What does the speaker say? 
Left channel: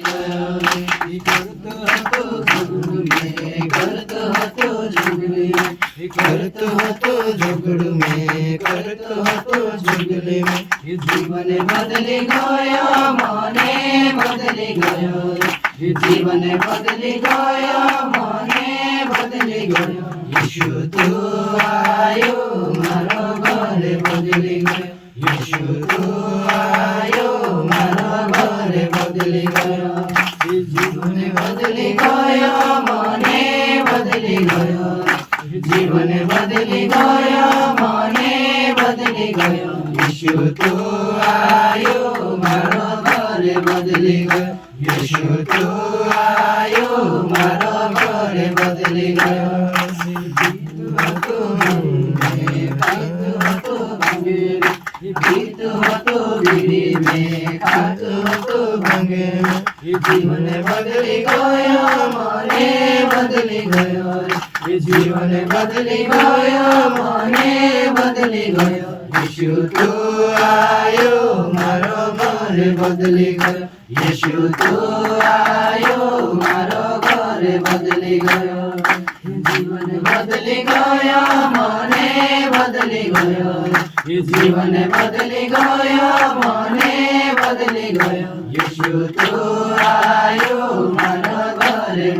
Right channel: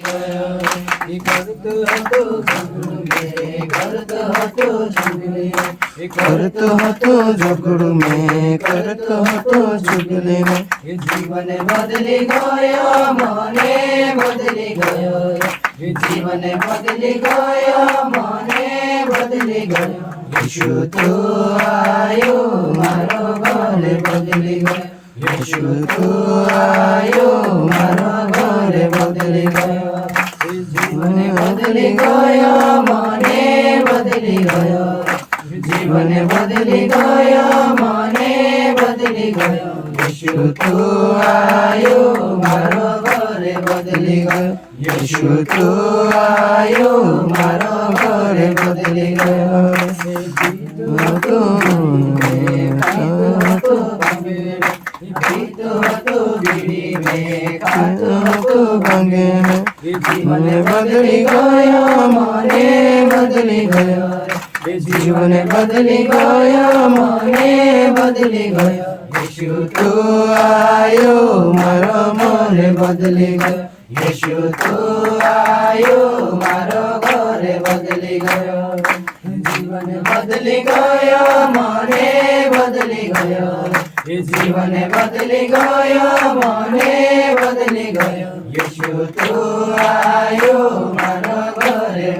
કરતો હતો ઝઘડું મેં કરતો હતો ઝઘડું કરતો હતો ઝઘડું મેં કરતો હતો ઝઘડું મેં જીવન બદલી ગયો મને બદલી ગયો જીવન બદલી ગયો મને બદલી ગયો ઈશુ તો આયો મારો ઘર બદલી ગયો ઈશુ તો આયો મારો ઘર બદલી ગયો જીવન બદલી ગયો મને બદલી ગયો જીવન બદલી ગયો મને બદલી ગયો ઈશુ તો આયો મારો ઘર બદલી ગયો ઈશુ તો આયો મારો ઘર બદલી ગયો જીવન બદલી ગયો મને બદલી ગયો જીવન બદલી ગયો મને બદલી ગયો ઈશુ તો આયો મારો ઘર બદલી ગયો ઈશુ તો આયો મારો ઘર બદલી ગયો જીવન બદલી ગયો મને બદલી ગયો જીવન બદલી ગયો મને બદલી ગયો ઈશુ તો આયો